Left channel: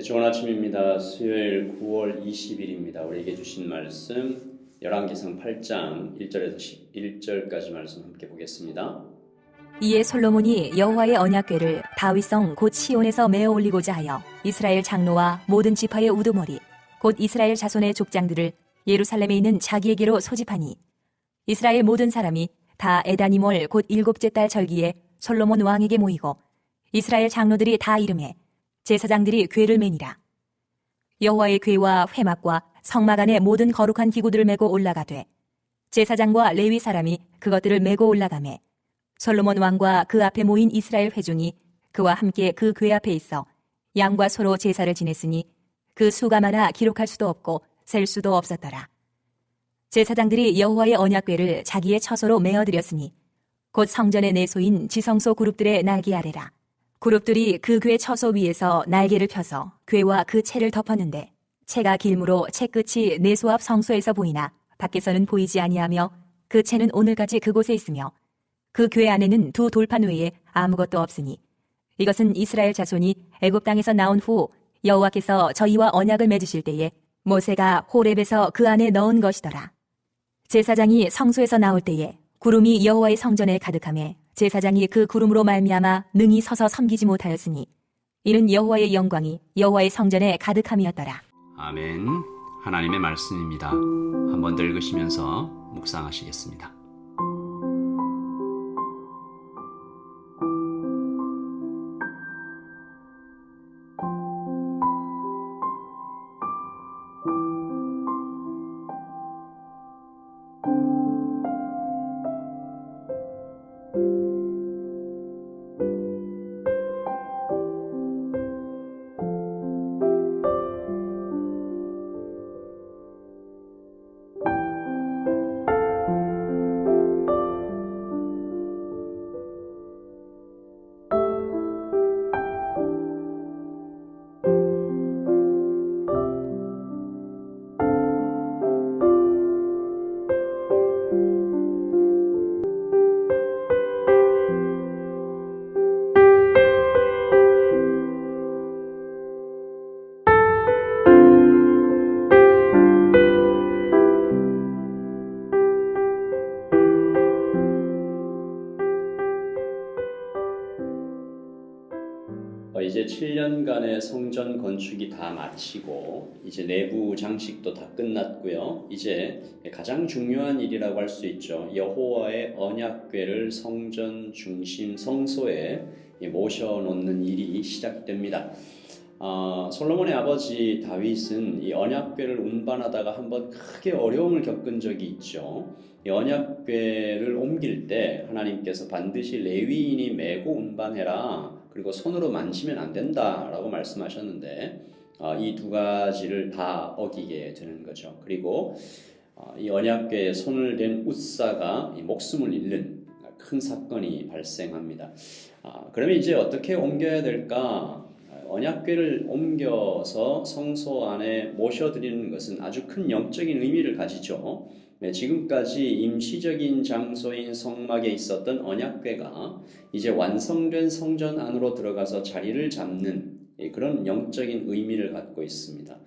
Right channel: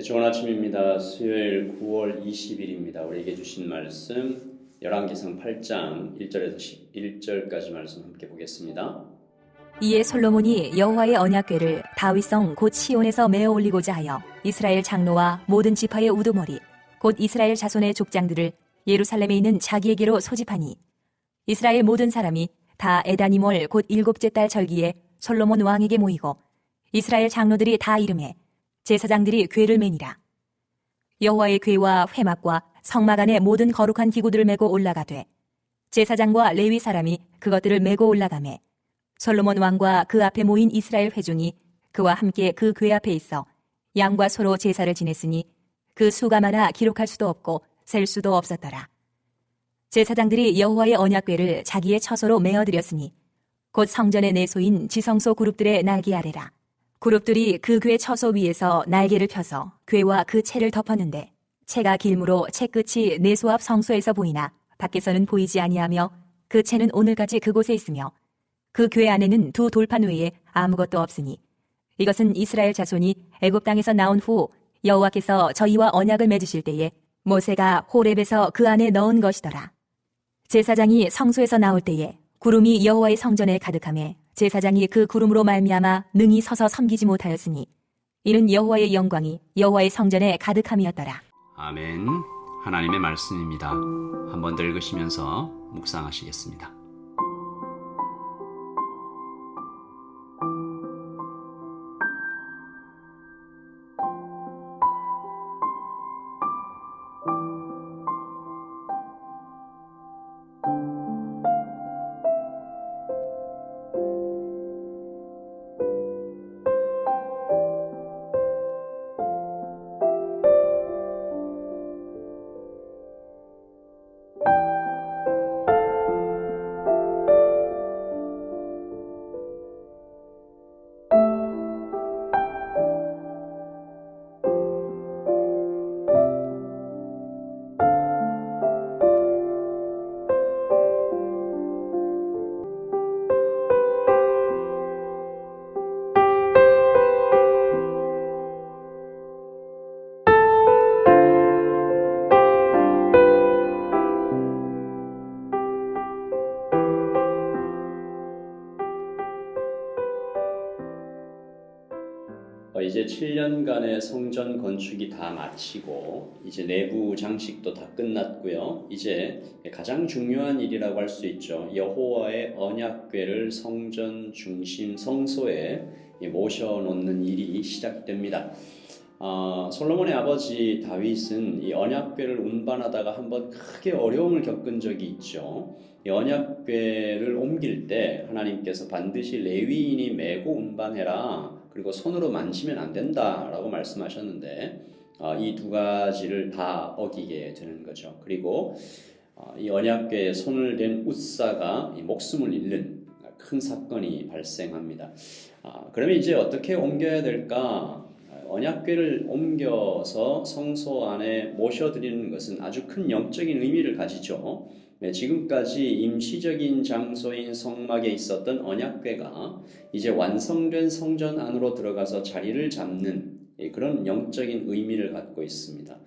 네, 좋은 아침입니다. 수요일 9월 20일입니다. 우리에게 주신 말씀 열왕기상 8장 1절에서 11절까지 말씀 함께 보겠습니다. 이에 솔로몬이 여호와의 언약궤를 다윗성 곧 시온에서 메어 올리고자 하여 이스라엘 장로와 모든 지파의 우두머리 곧 이스라엘 자손의 족장들을 예루살렘에 있는 자기에게로 소집하니 이스라엘 모든 사람이 다 에다니몰 곧 일곱째 달 절기에 솔로몬 왕에게 모이고 이스라엘 장로들이 다 이름해 제사장들이 궤를 매니라. 여호와의 궤와 회막과 성막 안에 모든 거룩한 기구들을 메고 올라가되 제사장과 레위 사람이 그것들을 메고 올라가매 솔로몬 왕과 그 앞에 모인 이스라엘 회중이 그와 함께 그 궤 앞에 있어 양과 소로 제사를 지냈으니 그 수가 많아 기록할 수도 없고 셀 수도 없었더라. 제사장들이 여호와의 언약궤를 자기의 처소로 메어드렸으니 곧 성전의 내소인 지성소 그룹들의 날개 아래라. 그룹들이 그 궤 처소 위에서 날개를 펴서 궤와 그 채를 덮었는데 채가 길므로 채 끝이 내소 앞 성소에서 보이나 밖에서는 보이지 아니하며 그 채는 오늘까지 그곳에 있으며 그 궤 안에는 두 돌판 외에 아무것도 없으니 이것은 이스라엘 자손이 애굽 땅에서 나온 후 여호와께서 저희와 언약을 맺으실 때에 모세가 호렙에서 그 안에 넣은 것이더라. 제사장이 성소에서 나올 때에 구름이 여호와의 성전에 가득하매 제사장이 그 구름으로 말미암아 능히 서서 섬기지 못하였으니 이는 여호와의 영광이 여호와의 성전에 가득함이었더라. 아멘. 하나님의 말씀입니다. 한번 더 읽으시면서 묵상하시겠습니다. 이제 7년간의 성전 건축이 다 마치고 이제 내부 장식도 다 끝났고요. 이제 가장 중요한 일이라고 할 수 있죠. 여호와의 언약궤를 성전 중심 성소에 모셔놓는 일이 시작됩니다. 솔로몬의 아버지 다윗은 이 언약궤를 운반하다가 한번 크게 어려움을 겪은 적이 있죠. 이 언약궤를 옮길 때 하나님께서 반드시 레위인이 메고 운반해라. 그리고 손으로 만지면 안 된다라고 말씀하셨는데 이 두 가지를 다 어기게 되는 거죠. 그리고 이 언약궤에 손을 댄 웃사가 이 목숨을 잃는 큰 사건이 발생합니다. 그러면 이제 어떻게 옮겨야 될까? 언약궤를 옮겨서 성소 안에 모셔드리는 것은 아주 큰 영적인 의미를 가지죠. 지금까지 임시적인 장소인 성막에 있었던 언약궤가 이제 완성된 성전 안으로 들어가서 자리를 잡는 그런 영적인 의미를 갖고 있습니다.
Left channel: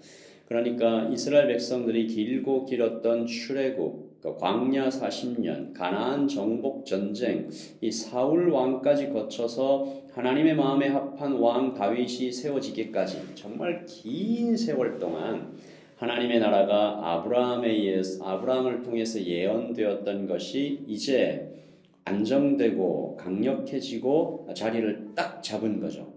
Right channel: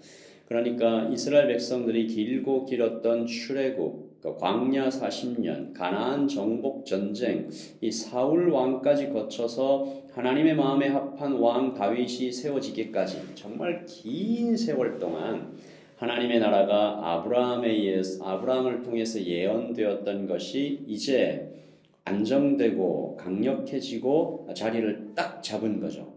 그러니까 이스라엘 백성들이 길고 길었던 출애굽, 광야 40년, 가나안 정복 전쟁, 이 사울 왕까지 거쳐서 하나님의 마음에 합한 왕 다윗이 세워지기까지 정말 긴 세월 동안 하나님의 나라가 아브라함을 통해서 예언되었던 것이 이제 안정되고 강력해지고 자리를 딱 잡은 거죠.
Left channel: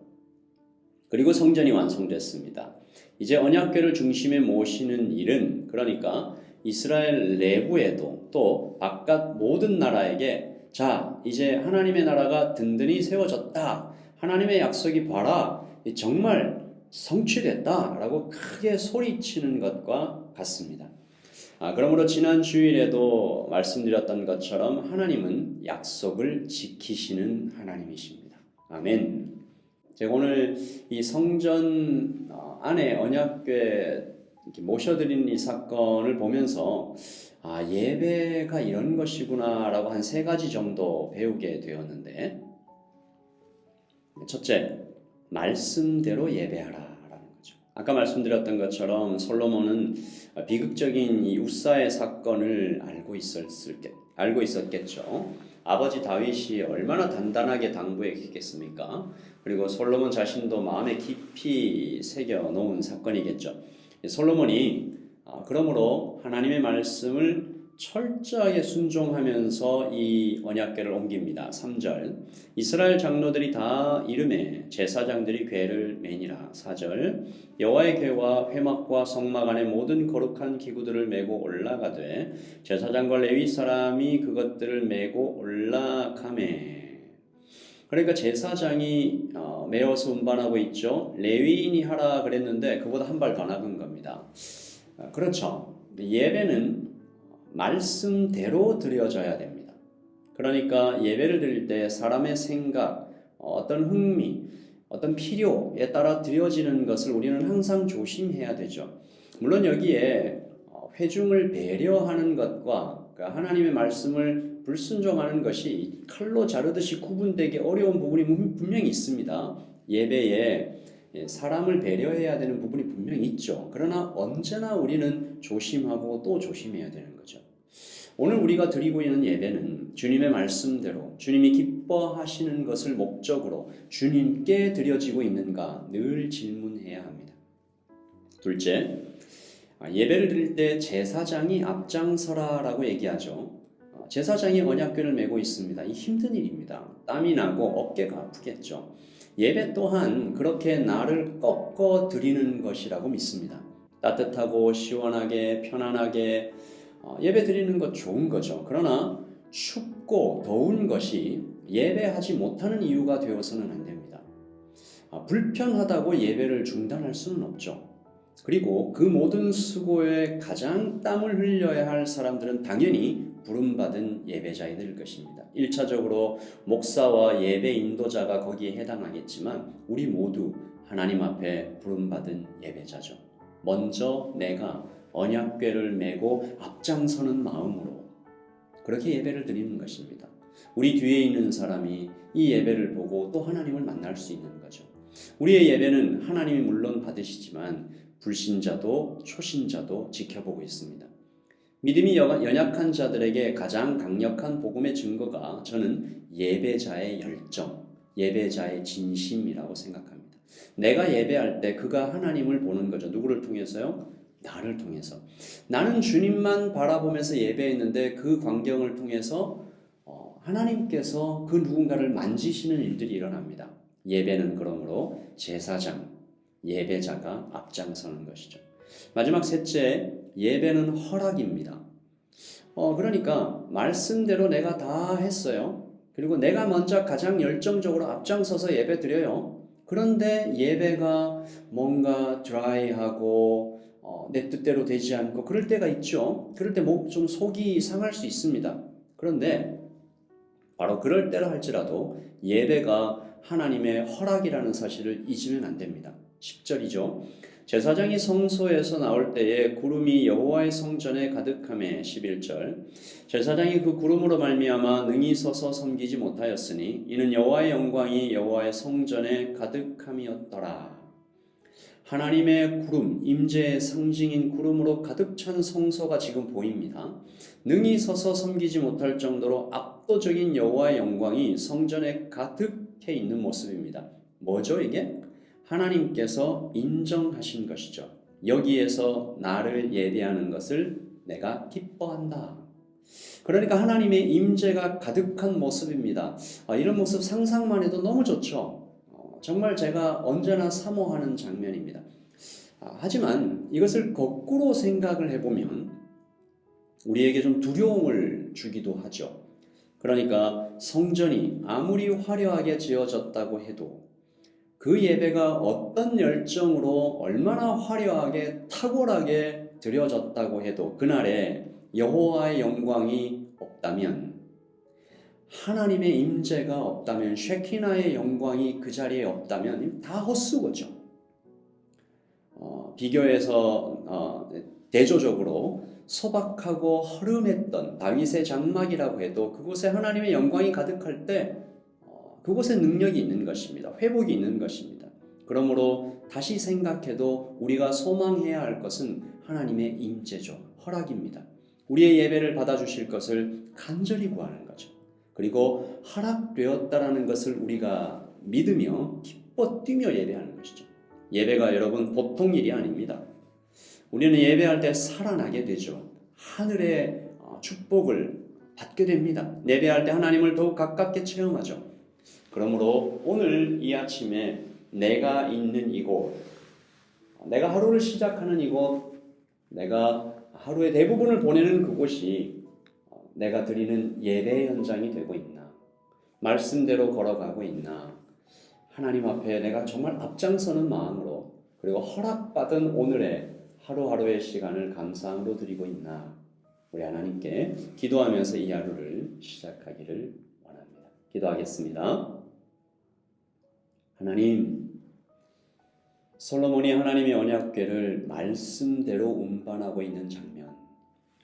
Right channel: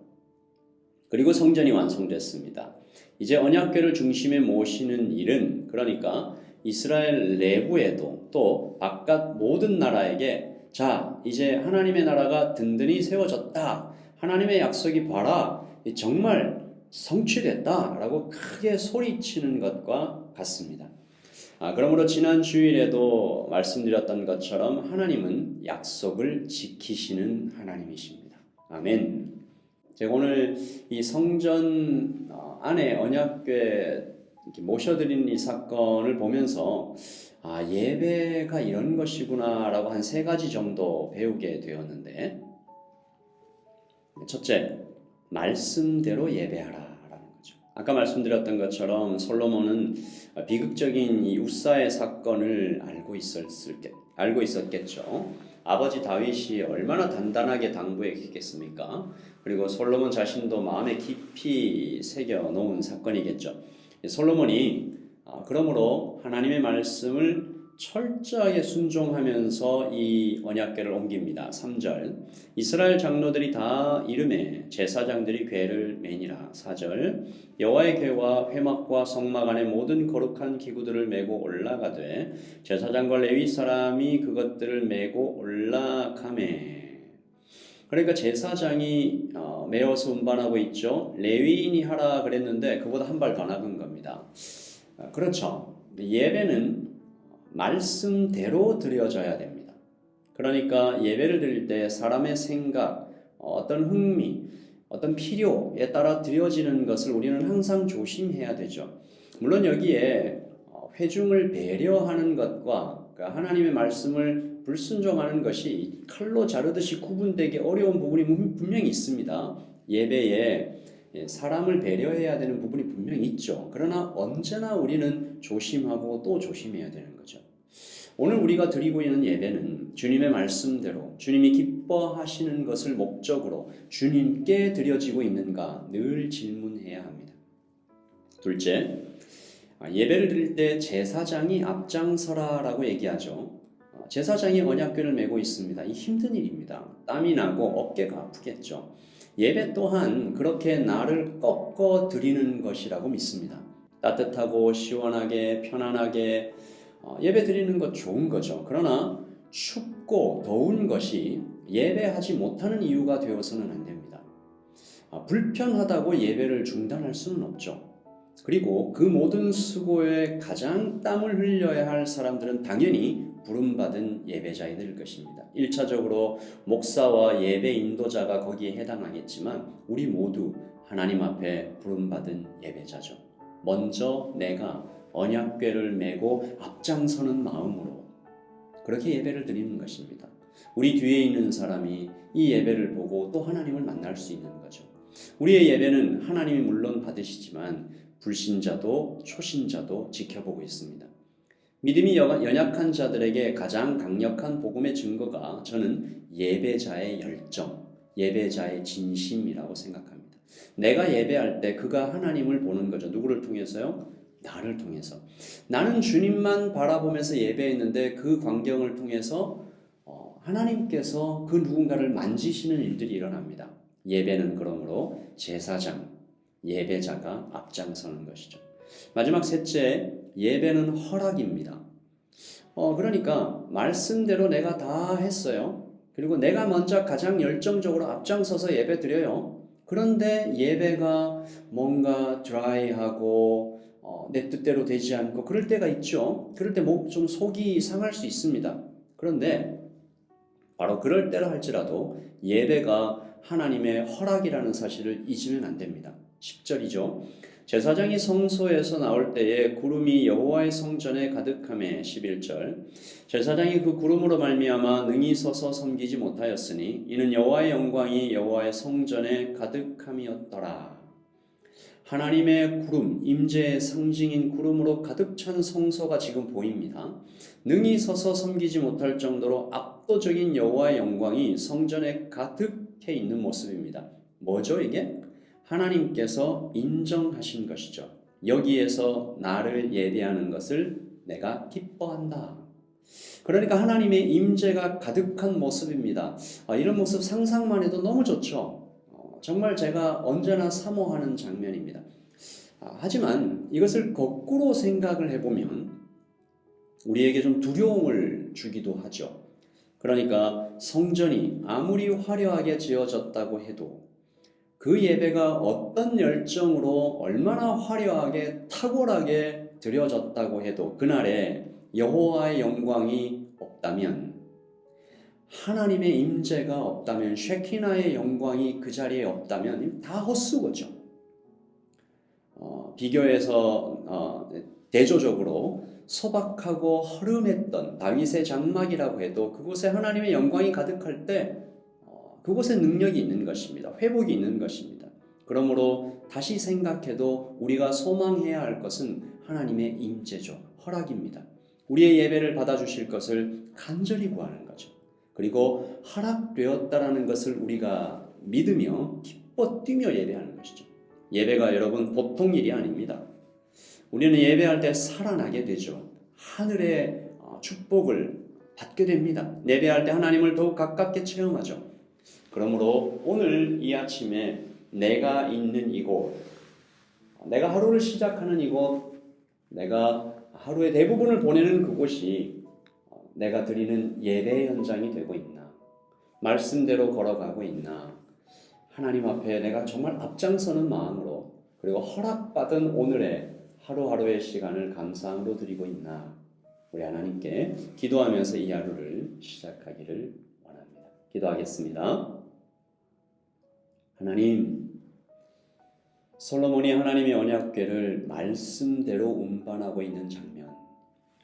그리고 성전이 완성됐습니다. 이제 언약궤를 중심에 모시는 일은 그러니까 이스라엘 내부에도 또 바깥 모든 나라에게 자, 이제 하나님의 나라가 든든히 세워졌다. 하나님의 약속이 봐라. 정말 성취됐다라고 크게 소리치는 것과 같습니다. 그러므로 지난 주일에도 말씀드렸던 것처럼 하나님은 약속을 지키시는 하나님이십니다. 아멘. 제가 오늘 이 성전 안에 언약궤 모셔드리는 이 사건을 보면서 예배가 이런 것이구나라고 한 3가지 정도 배우게 되었는데, 첫째, 말씀대로 예배하라라는 거죠. 아까 말씀드렸던 것처럼 솔로몬은 비극적인 이 웃사의 사건을 알고 있었겠죠. 아버지 다윗이 얼마나 단단하게 당부했겠습니까? 그리고 솔로몬 자신도 마음에 깊이 새겨 놓은 사건이겠죠. 솔로몬이 그러므로 하나님의 말씀을 철저하게 순종하면서 이 언약궤를 옮깁니다. 3절 이스라엘 장로들이 다 이름에 제사장들이 궤를 매니라. 4절 여호와의 궤와 회막과 성막 안에 모든 거룩한 기구들을 메고 올라가되 제사장과 레위 사람이 그것들을 메고 올라가매. 그러니까 제사장이 메어서 운반하고 있죠. 레위인이 하라 그랬는데 그보다 한 발 더 나간 겁니다. 그렇죠. 예배는 말씀대로 드려져야 됩니다. 그러니까 예배를 드릴 때 사람의 생각, 어떤 흥미, 어떤 필요에 따라 드려지는 것을 우리는 항상 조심해야 되죠. 물론 여기에 회중을 배려하는 것과 하나님의 말씀을 불순종하는 것이 칼로 자르듯이 구분되기 어려운 부분이 분명히 있습니다. 예배에 사람을 배려해야 되는 부분이 분명히 있죠. 그러나 언제나 우리는 조심하고 또 조심해야 되는 거죠. 오늘 우리가 드리고 있는 예배는 주님의 말씀대로 주님이 기뻐하시는 것을 목적으로 주님께 드려지고 있는가 늘 질문해야 합니다. 둘째, 예배를 드릴 때 제사장이 앞장서라라고 얘기하죠. 제사장이 언약궤를 메고 있습니다. 이 힘든 일입니다. 땀이 나고 어깨가 아프겠죠. 예배 또한 그렇게 나를 꺾어 드리는 것이라고 믿습니다. 따뜻하고 시원하게 편안하게 예배 드리는 것 좋은 거죠. 그러나 춥고 더운 것이 예배하지 못하는 이유가 되어서는 안 됩니다. 불편하다고 예배를 중단할 수는 없죠. 그리고 그 모든 수고에 가장 땀을 흘려야 할 사람들은 당연히 부름받은 예배자이 될 것입니다. 1차적으로 목사와 예배 인도자가 거기에 해당하겠지만 우리 모두 하나님 앞에 부름받은 예배자죠. 먼저 내가 언약궤를 메고 앞장서는 마음으로 그렇게 예배를 드리는 것입니다. 우리 뒤에 있는 사람이 이 예배를 보고 또 하나님을 만날 수 있는 거죠. 우리의 예배는 하나님이 물론 받으시지만 불신자도 초신자도 지켜보고 있습니다. 믿음이 연약한 자들에게 가장 강력한 복음의 증거가 저는 예배자의 열정, 예배자의 진심이라고 생각합니다. 내가 예배할 때 그가 하나님을 보는 거죠. 누구를 통해서요? 나를 통해서. 나는 주님만 바라보면서 예배했는데 그 광경을 통해서 하나님께서 그 누군가를 만지시는 일들이 일어납니다. 예배는 그러므로 제사장, 예배자가 앞장서는 것이죠. 마지막 셋째, 예배는 허락입니다. 그러니까 말씀대로 내가 다 했어요. 그리고 내가 먼저 가장 열정적으로 앞장서서 예배 드려요. 그런데 예배가 뭔가 드라이하고 내 뜻대로 되지 않고 그럴 때가 있죠. 그럴 때 좀 속이 상할 수 있습니다. 그런데 바로 그럴 때라 할지라도 예배가 하나님의 허락이라는 사실을 잊으면 안 됩니다. 10절이죠. 제사장이 성소에서 나올 때에 구름이 여호와의 성전에 가득하매 11절 제사장이 그 구름으로 말미암아 능히 서서 섬기지 못하였으니 이는 여호와의 영광이 여호와의 성전에 가득함이었더라. 하나님의 구름, 임재의 상징인 구름으로 가득 찬 성소가 지금 보입니다. 능히 서서 섬기지 못할 정도로 압도적인 여호와의 영광이 성전에 가득해 있는 모습입니다. 뭐죠 이게? 하나님께서 인정하신 것이죠. 여기에서 나를 예배하는 것을 내가 기뻐한다. 그러니까 하나님의 임재가 가득한 모습입니다. 이런 모습 상상만 해도 너무 좋죠. 정말 제가 언제나 사모하는 장면입니다. 하지만 이것을 거꾸로 생각을 해보면 우리에게 좀 두려움을 주기도 하죠. 그러니까 성전이 아무리 화려하게 지어졌다고 해도 그 예배가 어떤 열정으로 얼마나 화려하게 탁월하게 드려졌다고 해도 그날에 여호와의 영광이 없다면 하나님의 임재가 없다면 쉐키나의 영광이 그 자리에 없다면 다 헛수고죠. 비교해서 대조적으로 소박하고 허름했던 다윗의 장막이라고 해도 그곳에 하나님의 영광이 가득할 때 그곳에 능력이 있는 것입니다. 회복이 있는 것입니다. 그러므로 다시 생각해도 우리가 소망해야 할 것은 하나님의 임재죠. 허락입니다. 우리의 예배를 받아주실 것을 간절히 구하는 거죠. 그리고 허락되었다라는 것을 우리가 믿으며 기뻐 뛰며 예배하는 것이죠. 예배가 여러분 보통 일이 아닙니다. 우리는 예배할 때 살아나게 되죠. 하늘의 축복을 받게 됩니다. 예배할 때 하나님을 더욱 가깝게 체험하죠. 그러므로 오늘 이 아침에 내가 있는 이곳, 내가 하루를 시작하는 이곳, 내가 하루의 대부분을 보내는 그곳이 내가 드리는 예배 현장이 되고 있나? 말씀대로 걸어가고 있나? 하나님 앞에 내가 정말 앞장서는 마음으로 그리고 허락받은 오늘의 하루하루의 시간을 감사함으로 드리고 있나? 우리 하나님께 기도하면서 이 하루를 시작하기를 원합니다. 기도하겠습니다. 하나님, 솔로몬이 하나님의 언약궤를 말씀대로 운반하고 있는 장면.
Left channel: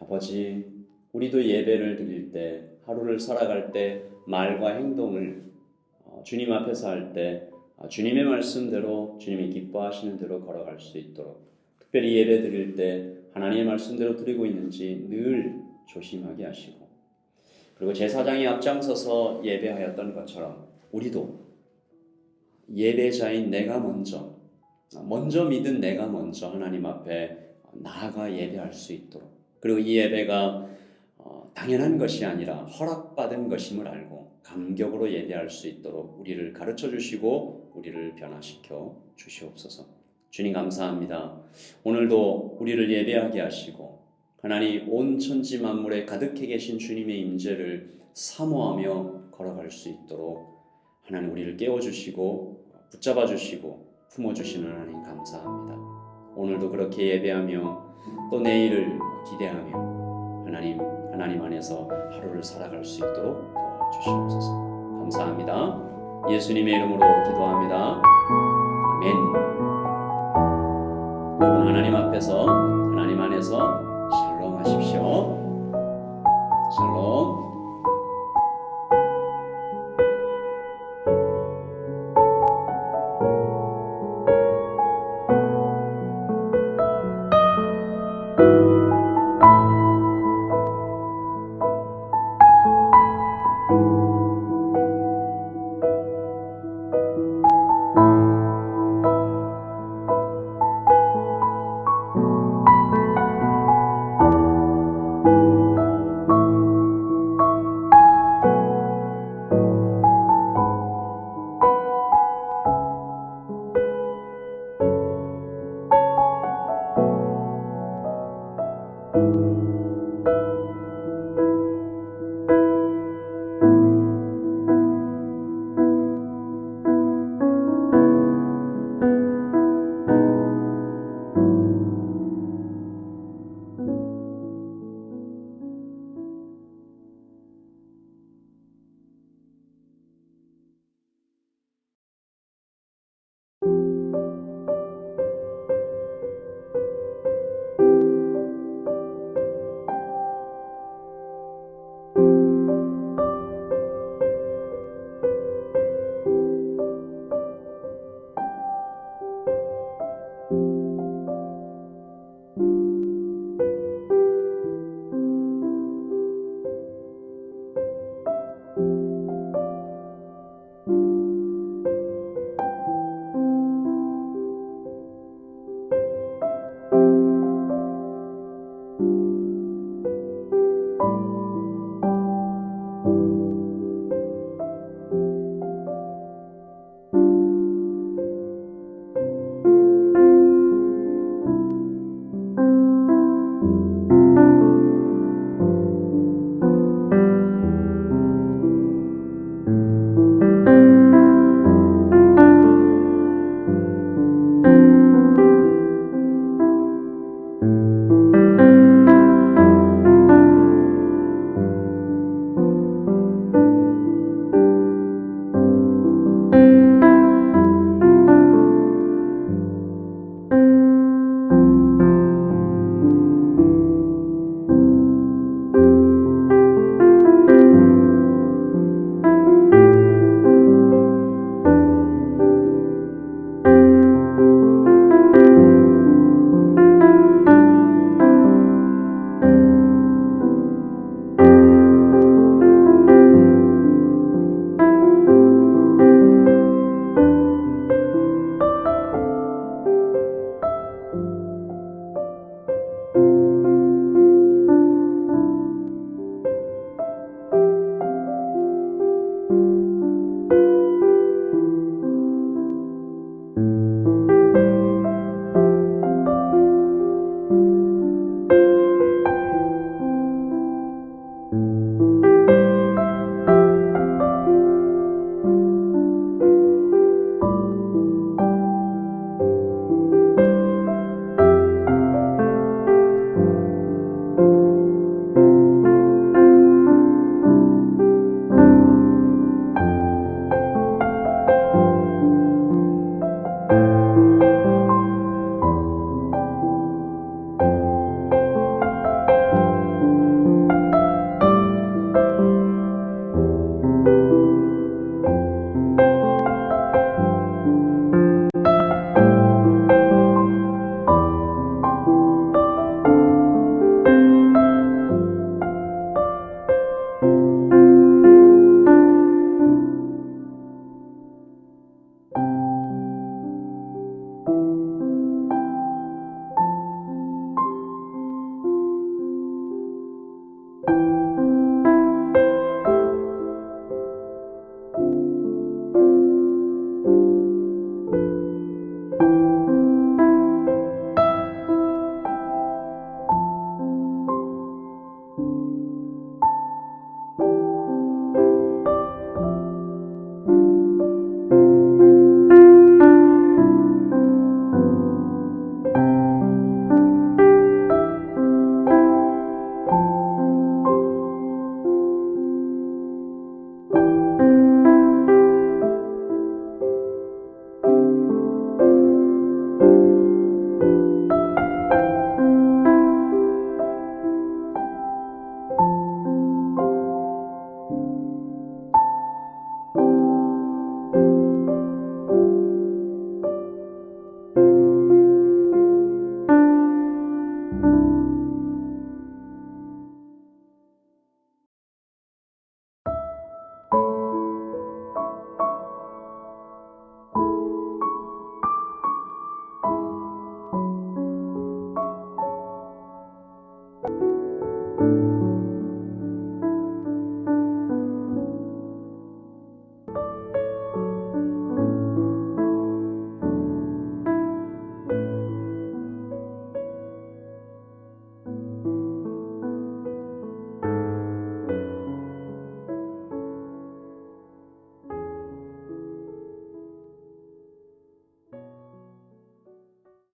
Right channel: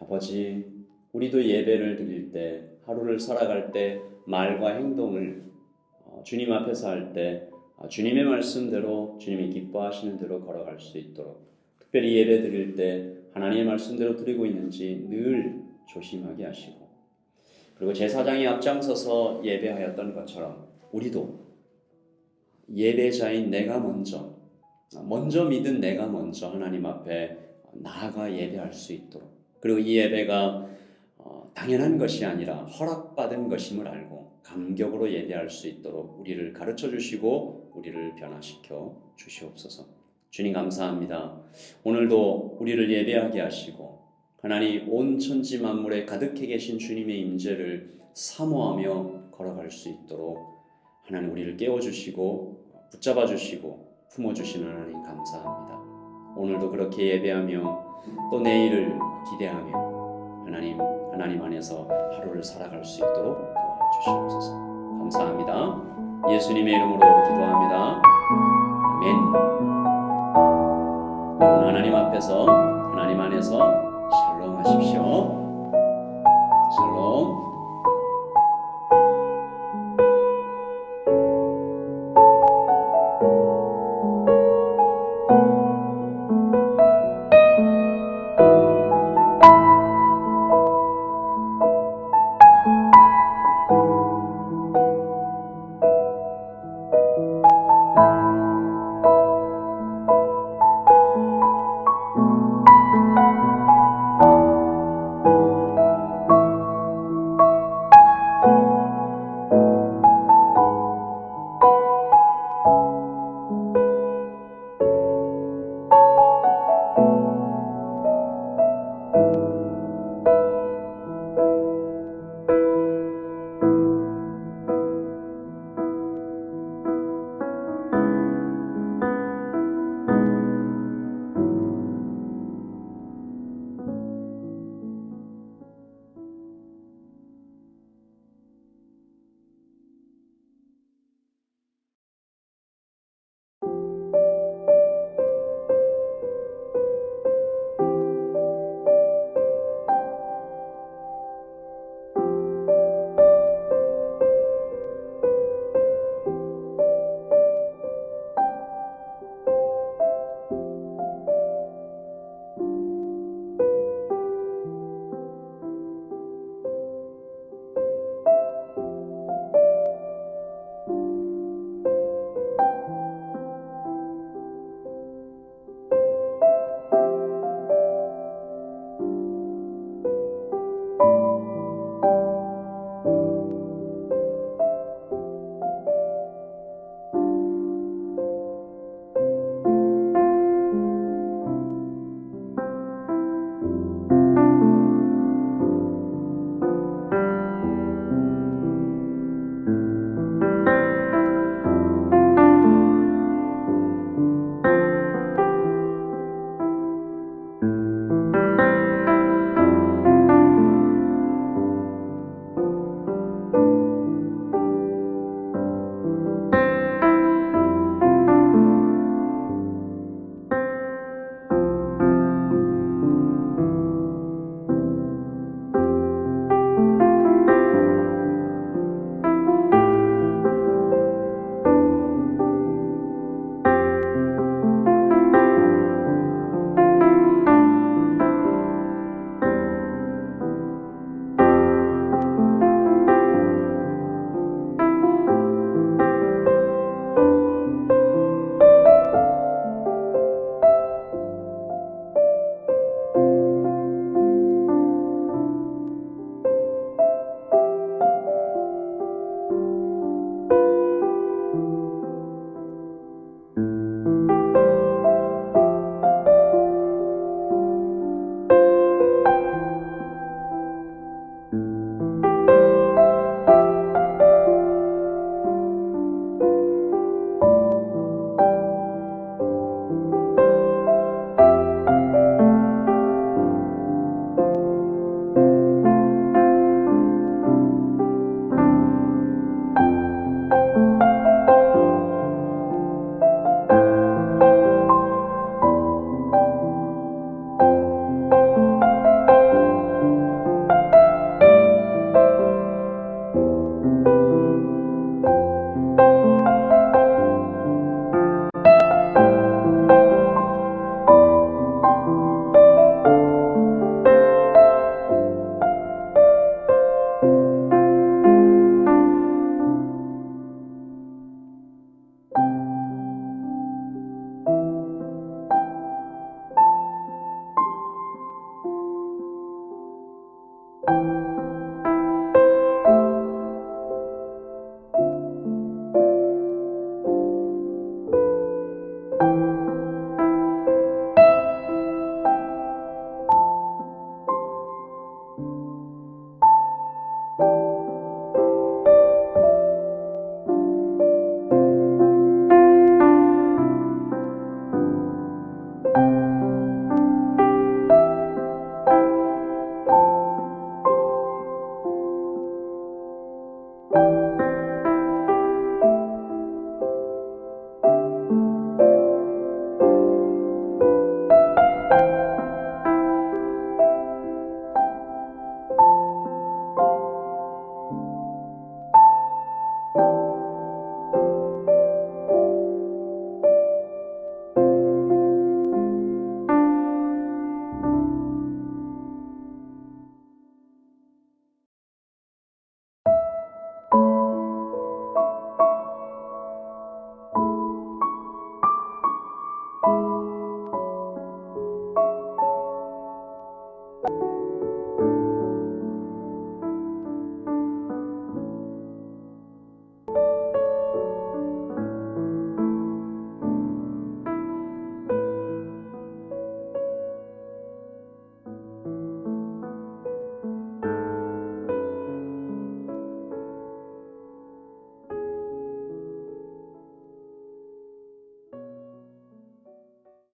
아버지, 우리도 예배를 드릴 때, 하루를 살아갈 때 말과 행동을 주님 앞에서 할 때 주님의 말씀대로 주님이 기뻐하시는 대로 걸어갈 수 있도록 특별히 예배 드릴 때 하나님의 말씀대로 드리고 있는지 늘 조심하게 하시고 그리고 제사장이 앞장서서 예배하였던 것처럼 우리도 예배자인 내가 먼저 믿은 내가 먼저 하나님 앞에 나아가 예배할 수 있도록 그리고 이 예배가 당연한 것이 아니라 허락받은 것임을 알고 감격으로 예배할 수 있도록 우리를 가르쳐 주시고 우리를 변화시켜 주시옵소서. 주님 감사합니다. 오늘도 우리를 예배하게 하시고 하나님 온 천지 만물에 가득해 계신 주님의 임재를 사모하며 걸어갈 수 있도록 하나님 우리를 깨워주시고 붙잡아 주시고 품어주시는 하나님 감사합니다. 오늘도 그렇게 예배하며 또 내일을 기대하며 하나님 안에서 하루를 살아갈 수 있도록 도와주시옵소서. 감사합니다. 예수님의 이름으로 기도합니다. 아멘. 여러분 하나님 앞에서 하나님 안에서 샬롬 하십시오. 샬롬.